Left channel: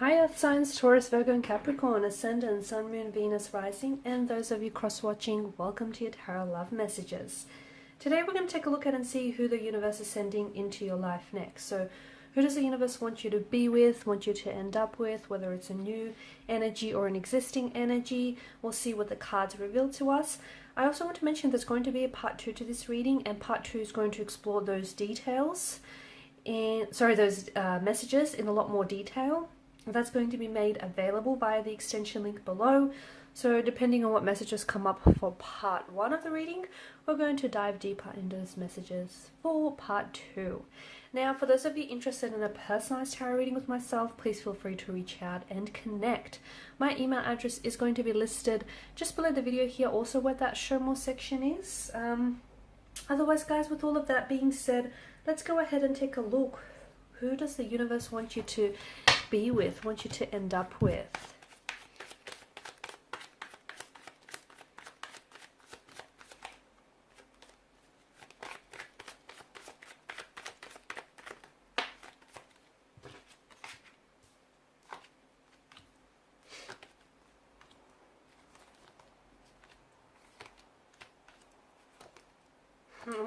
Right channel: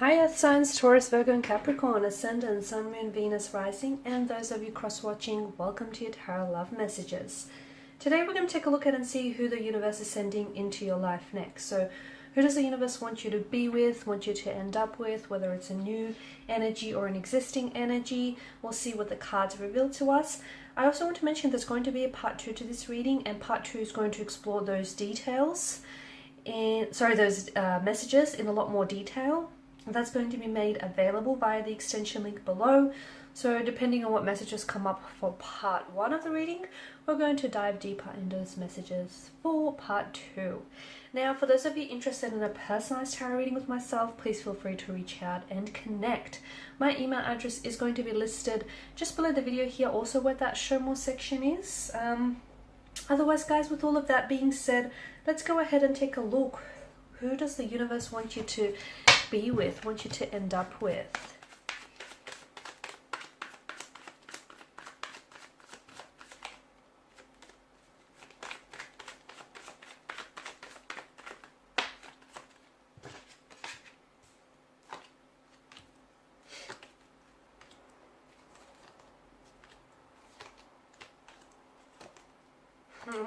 Hi Earth signs, Taurus, Virgo and Capricorn, Ascendant, Sun, Moon, Venus, Rising, and those of you cross-watching, welcome to your Tarot Love Messages. Today we're going to take a look at and see who the universe is sending into your life next. So who does the universe want you to be with, want you to end up with, whether it's a new energy or an existing energy. We'll see what the cards reveal to us. I also want to mention there's going to be a part 2 to this reading, and part 2 is going to explore those details, those messages in a lot more detail. That's going to be made available via the extension link below. So depending on what messages come up for part 1 of the reading, we're going to dive deeper into those messages for part 2. Now, for those of you interested in a personalized tarot reading with myself, please feel free to reach out and connect. My email address is going to be listed just below the video here, also where that show more section is. Otherwise, guys, with all of that being said, let's go ahead and take a look. Who does the universe want you to be with, want you to end up with?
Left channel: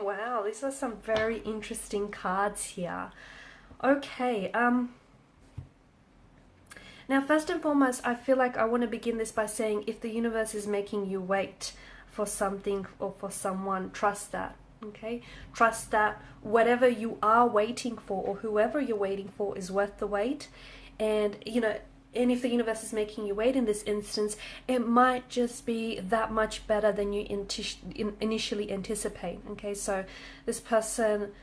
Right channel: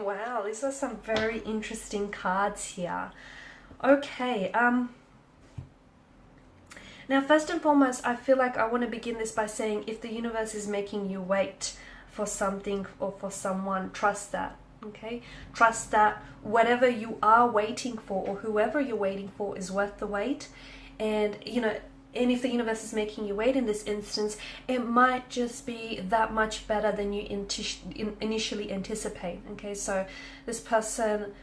Wow, these are some very interesting cards here. Okay, now first and foremost, I feel like I want to begin this by saying if the universe is making you wait for something or for someone, trust that, okay? Trust that whatever you are waiting for or whoever you're waiting for is worth the wait. And, and if the universe is making you wait in this instance, it might just be that much better than you initially anticipate, okay? So this person,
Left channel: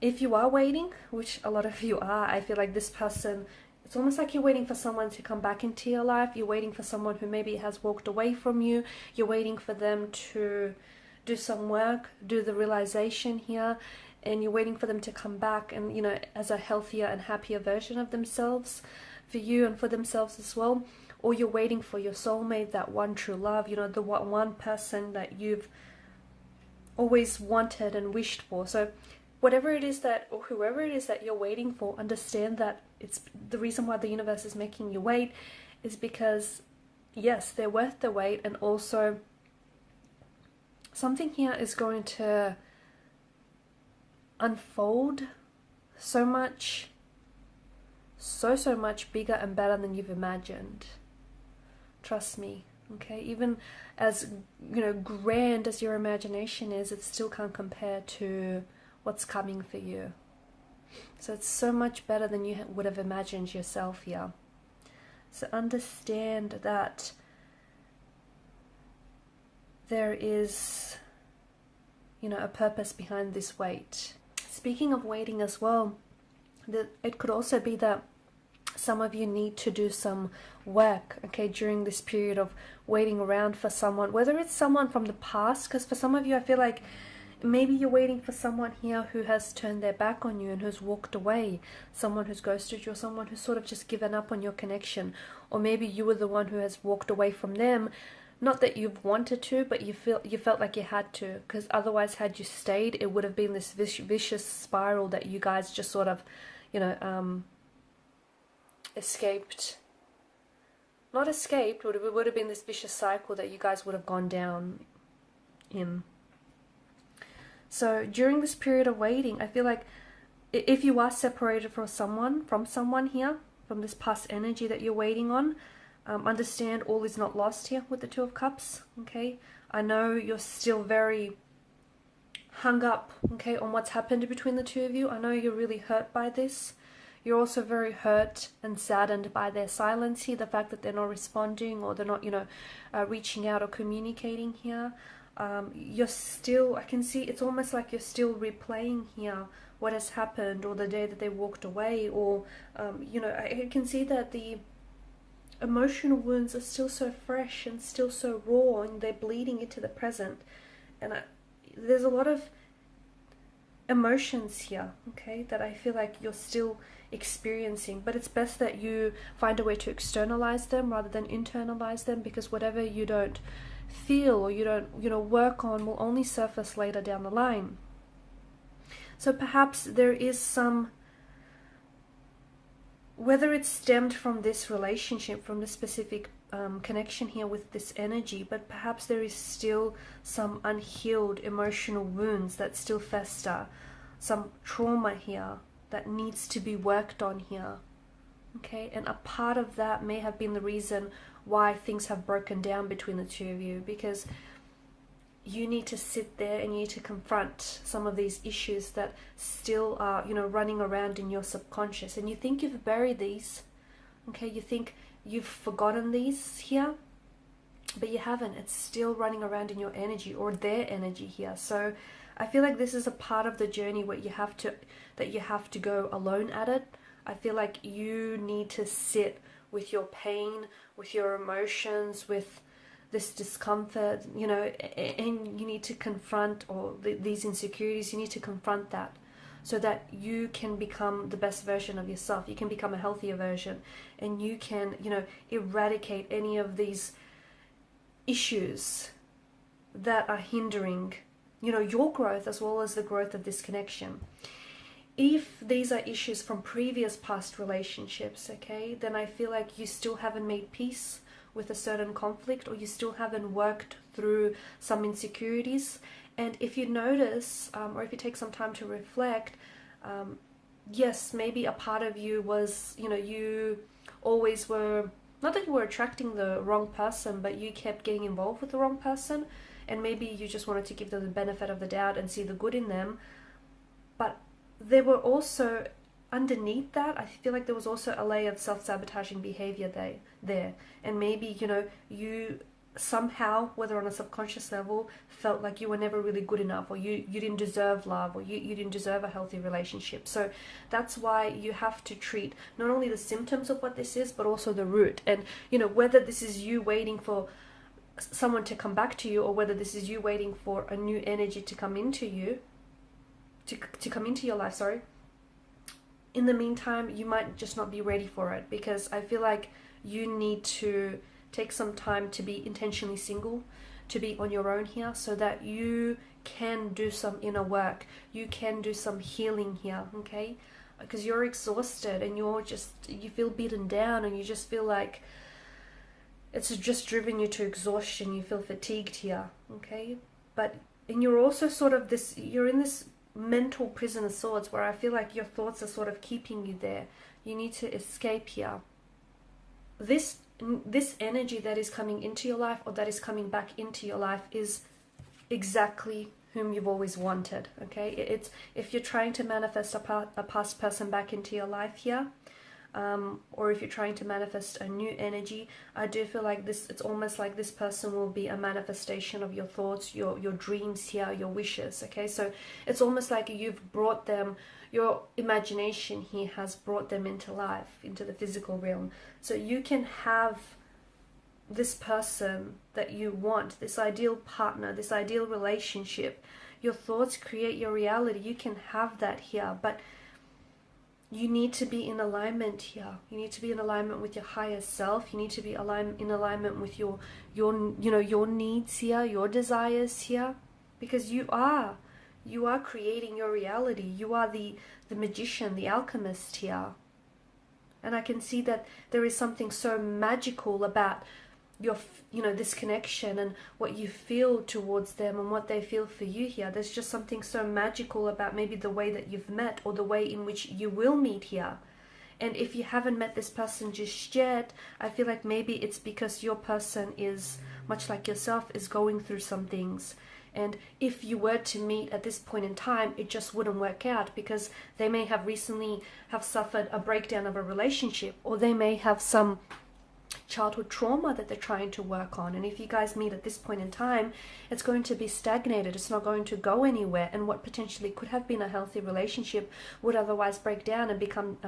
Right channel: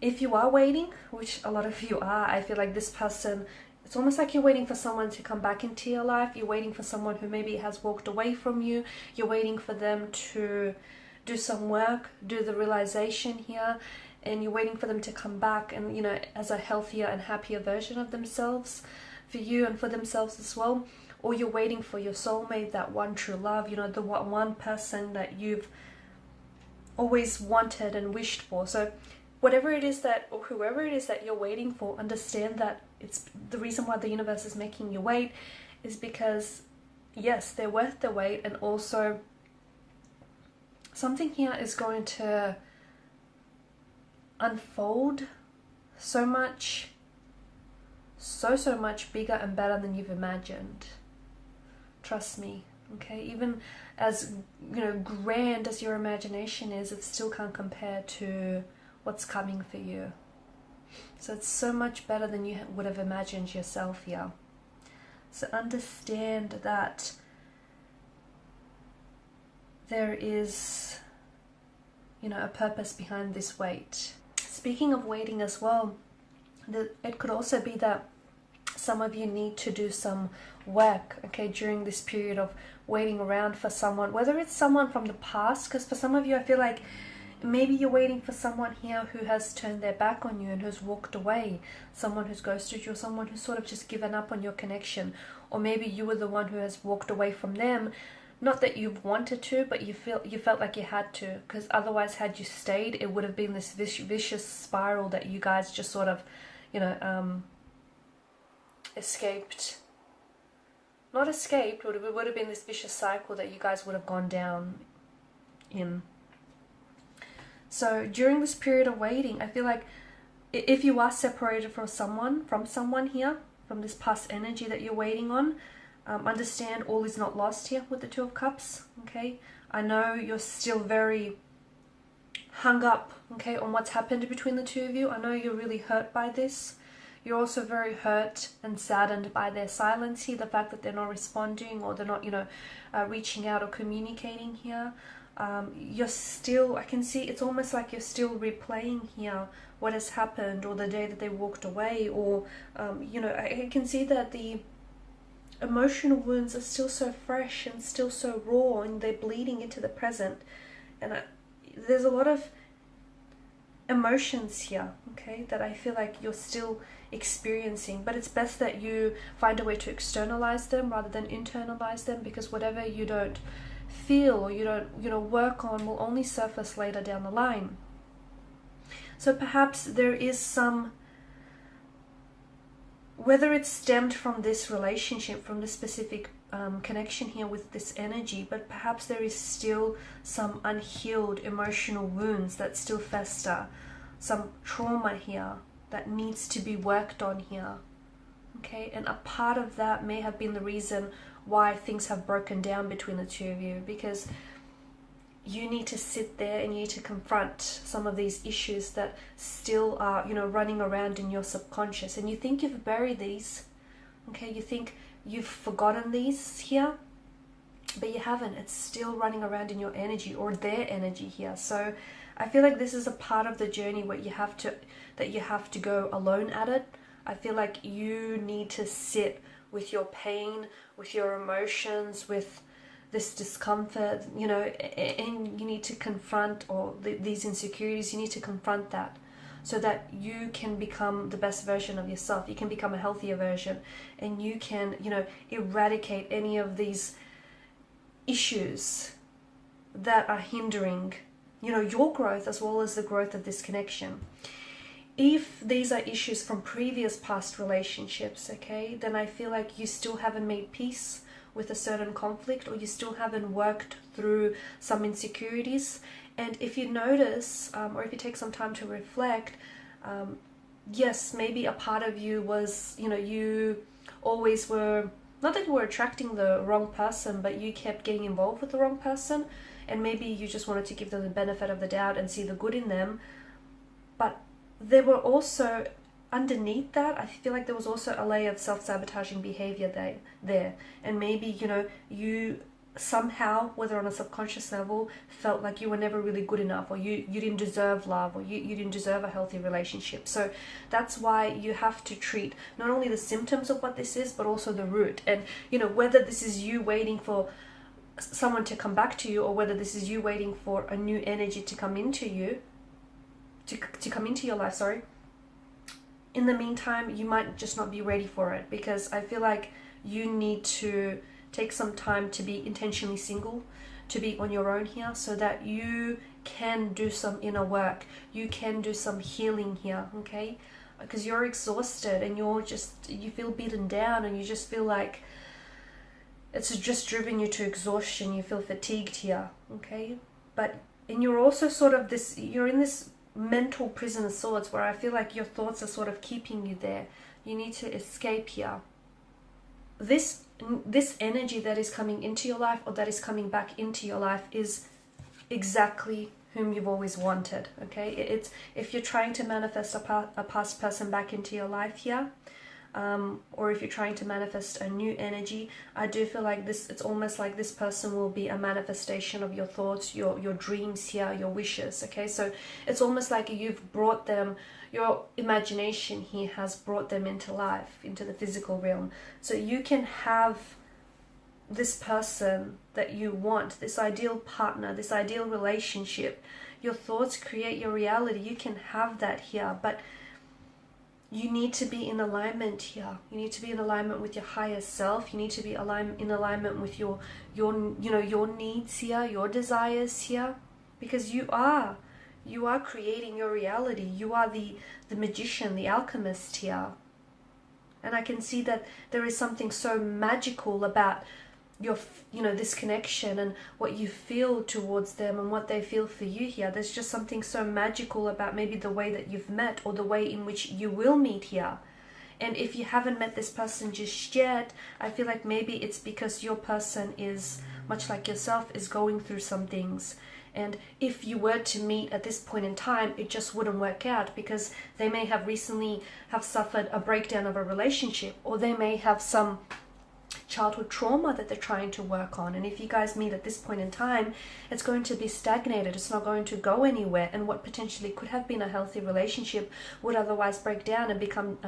if you are waiting, which a lot of you are, I feel like this person, it's almost like you're waiting for someone to come back into your life. You're waiting for someone who maybe has walked away from you. You're waiting for them to do some work, do the realization here, and you're waiting for them to come back and, as a healthier and happier version of themselves for you and for themselves as well. Or you're waiting for your soulmate, that one true love, the one person that you've always wanted and wished for. So whatever it is that, or whoever it is that you're waiting for, understand that it's the reason why the universe is making you wait is because, yes, they're worth the wait. And also something here is going to unfold so much bigger and better than you've imagined. Trust me, okay? Even as, grand as your imagination is, it still can't compare to what's coming for you. So it's so much better than you would have imagined yourself here. So understand that there is, a purpose behind this wait. Speaking of waiting as well, it could also be that some of you need to do some work, okay, during this period of waiting around for someone, whether it's someone from the past, because for some of you, I feel like maybe you're waiting for someone here who has turned their back on you and who's walked away, someone who's ghosted you, or someone who's sort of just given up on your connection. Or maybe you were the one who has walked away from them, not that you've wanted to, but you felt like you had to, because otherwise, had you stayed, it would have been this vicious spiral that you guys just sort of, escaped. Not escaped, it would have been this vicious cycle that you guys would have gone down in. So during this period of waiting, I feel like if you are separated from someone here, from this past energy that you're waiting on, understand all is not lost here with the Two of Cups, okay? I know you're still very hung up, okay, on what's happened between the two of you. I know you're really hurt by this. You're also very hurt and saddened by their silence here, the fact that they're not responding or they're not, reaching out or communicating here. You're still, I can see, it's almost like you're still replaying here what has happened, or the day that they walked away, or, I can see that the emotional wounds are still so fresh and still so raw, and they're bleeding into the present. And there's a lot of emotions here, okay, that I feel like you're still experiencing, but it's best that you find a way to externalize them rather than internalize them, because whatever you don't feel or you don't work on will only surface later down the line. So perhaps there is some whether it's stemmed from this relationship, from this specific connection here with this energy, but perhaps there is still some unhealed emotional wounds that still fester, some trauma here that needs to be worked on here. Okay, and a part of that may have been the reason why things have broken down between the two of you, because you need to sit there and you need to confront some of these issues that still are, running around in your subconscious. And you think you've buried these, okay? You think you've forgotten these here, but you haven't. It's still running around in your energy, or their energy here. So I feel like this is a part of the journey where you have to go alone at it. I feel like you need to sit with your pain, with your emotions, with this discomfort, and you need to confront these insecurities. You need to confront that so that you can become the best version of yourself. You can become a healthier version, and you can, eradicate any of these issues that are hindering, your growth as well as the growth of this connection. If these are issues from previous past relationships, okay, then I feel like you still haven't made peace with a certain conflict, or you still haven't worked through some insecurities. And if you notice, or if you take some time to reflect, yes, maybe a part of you was, you always were, not that you were attracting the wrong person, but you kept getting involved with the wrong person, and maybe you just wanted to give them the benefit of the doubt and see the good in them. But there were also, underneath that, I feel like there was also a layer of self-sabotaging behavior there. And maybe, you somehow, whether on a subconscious level, felt like you were never really good enough, or you didn't deserve love, or you didn't deserve a healthy relationship. So that's why you have to treat not only the symptoms of what this is, but also the root. And, whether this is you waiting for someone to come back to you, or whether this is you waiting for a new energy to come into you, to come into your life, sorry. In the meantime, you might just not be ready for it, because I feel like you need to take some time to be intentionally single, to be on your own here, so that you can do some inner work. You can do some healing here, okay? Because you're exhausted and you feel beaten down, and you just feel like it's just driven you to exhaustion. You feel fatigued here, okay? And you're also you're in this mental prison of sorts, where I feel like your thoughts are sort of keeping you there. You need to escape here. This energy that is coming into your life, or that is coming back into your life, is exactly whom you've always wanted, okay? It's if you're trying to manifest a past person back into your life here, or if you're trying to manifest a new energy, I do feel like it's almost like this person will be a manifestation of your thoughts, your dreams here, your wishes, okay? So it's almost like you've brought them, your imagination here has brought them into life, into the physical realm. So you can have this person that you want, this ideal partner, this ideal relationship. Your thoughts create your reality. You can have that here, but you need to be in alignment here. You need to be in alignment with your higher self. You need to be in alignment with your needs here, your desires here, because you are creating your reality. You are the magician, the alchemist here. And I can see that there is something so magical about this connection and what you feel towards them and what they feel for you here. There's just something so magical about maybe the way that you've met, or the way in which you will meet here. And if you haven't met this person just yet, I feel like maybe it's because your person is, much like yourself, is going through some things. And if you were to meet at this point in time, it just wouldn't work out, because they may have recently suffered a breakdown of a relationship, or they may have some childhood trauma that they're trying to work on. And if you guys meet at this point in time, it's going to be stagnated. It's not going to go anywhere. And what potentially could have been a healthy relationship would otherwise break down and become,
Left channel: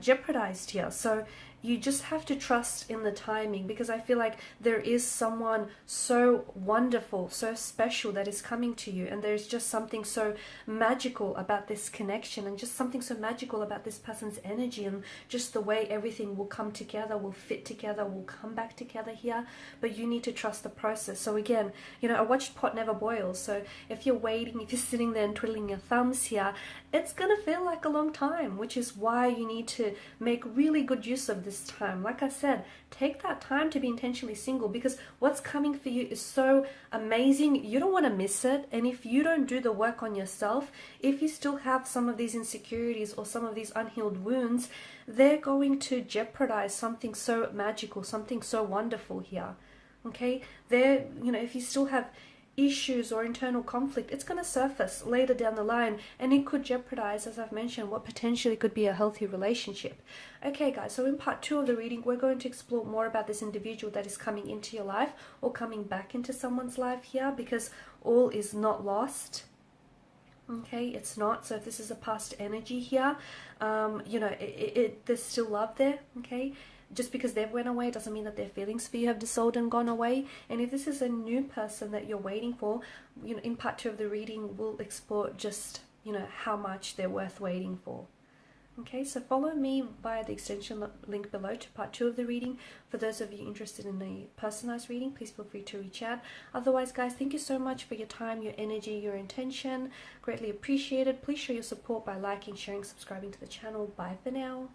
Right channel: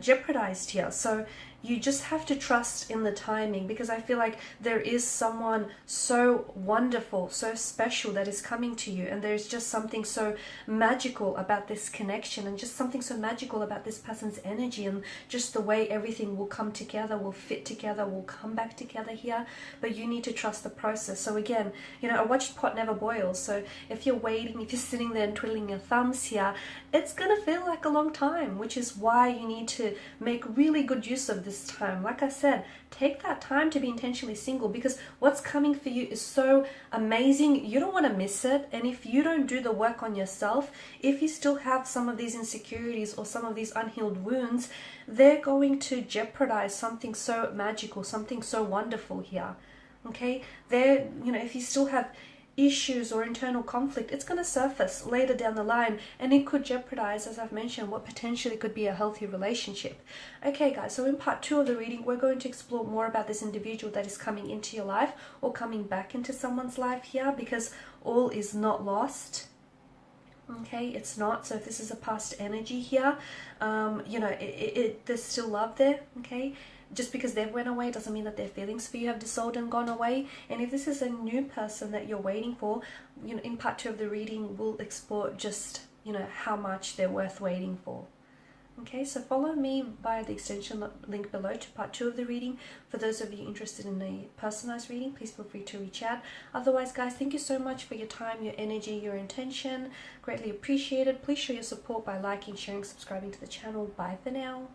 jeopardized here. So you just have to trust in the timing, because I feel like there is someone so wonderful, so special that is coming to you, and there's just something so magical about this connection, and just something so magical about this person's energy, and just the way everything will come together, will fit together, will come back together here. But you need to trust the process. So again, you know, I watched Pot Never Boils. So if you're waiting, if you're sitting there and twiddling your thumbs here, it's gonna feel like a long time, which is why you need to make really good use of this time. Like I said, take that time to be intentionally single, because what's coming for you is so amazing. You don't want to miss it. And if you don't do the work on yourself, if you still have some of these insecurities or some of these unhealed wounds, they're going to jeopardize something so magical, something so wonderful here. Okay, there, you know, if you still have issues or internal conflict, it's going to surface later down the line, and it could jeopardize, as I've mentioned, what potentially could be a healthy relationship. Okay guys, so in part 2 of the reading, we're going to explore more about this individual that is coming into your life or coming back into someone's life here, because all is not lost. Okay, it's not. So if this is a past energy here, you know, there's still love there. Okay, just because they've went away doesn't mean that their feelings for you have dissolved and gone away. And if this is a new person that you're waiting for, you know, in part 2 of the reading, we'll explore just, you know, how much they're worth waiting for. Okay, so follow me via the extension link below to part 2 of the reading. For those of you interested in a personalized reading, please feel free to reach out. Otherwise, guys, thank you so much for your time, your energy, your intention. Greatly appreciated. Please show your support by liking, sharing, subscribing to the channel. Bye for now.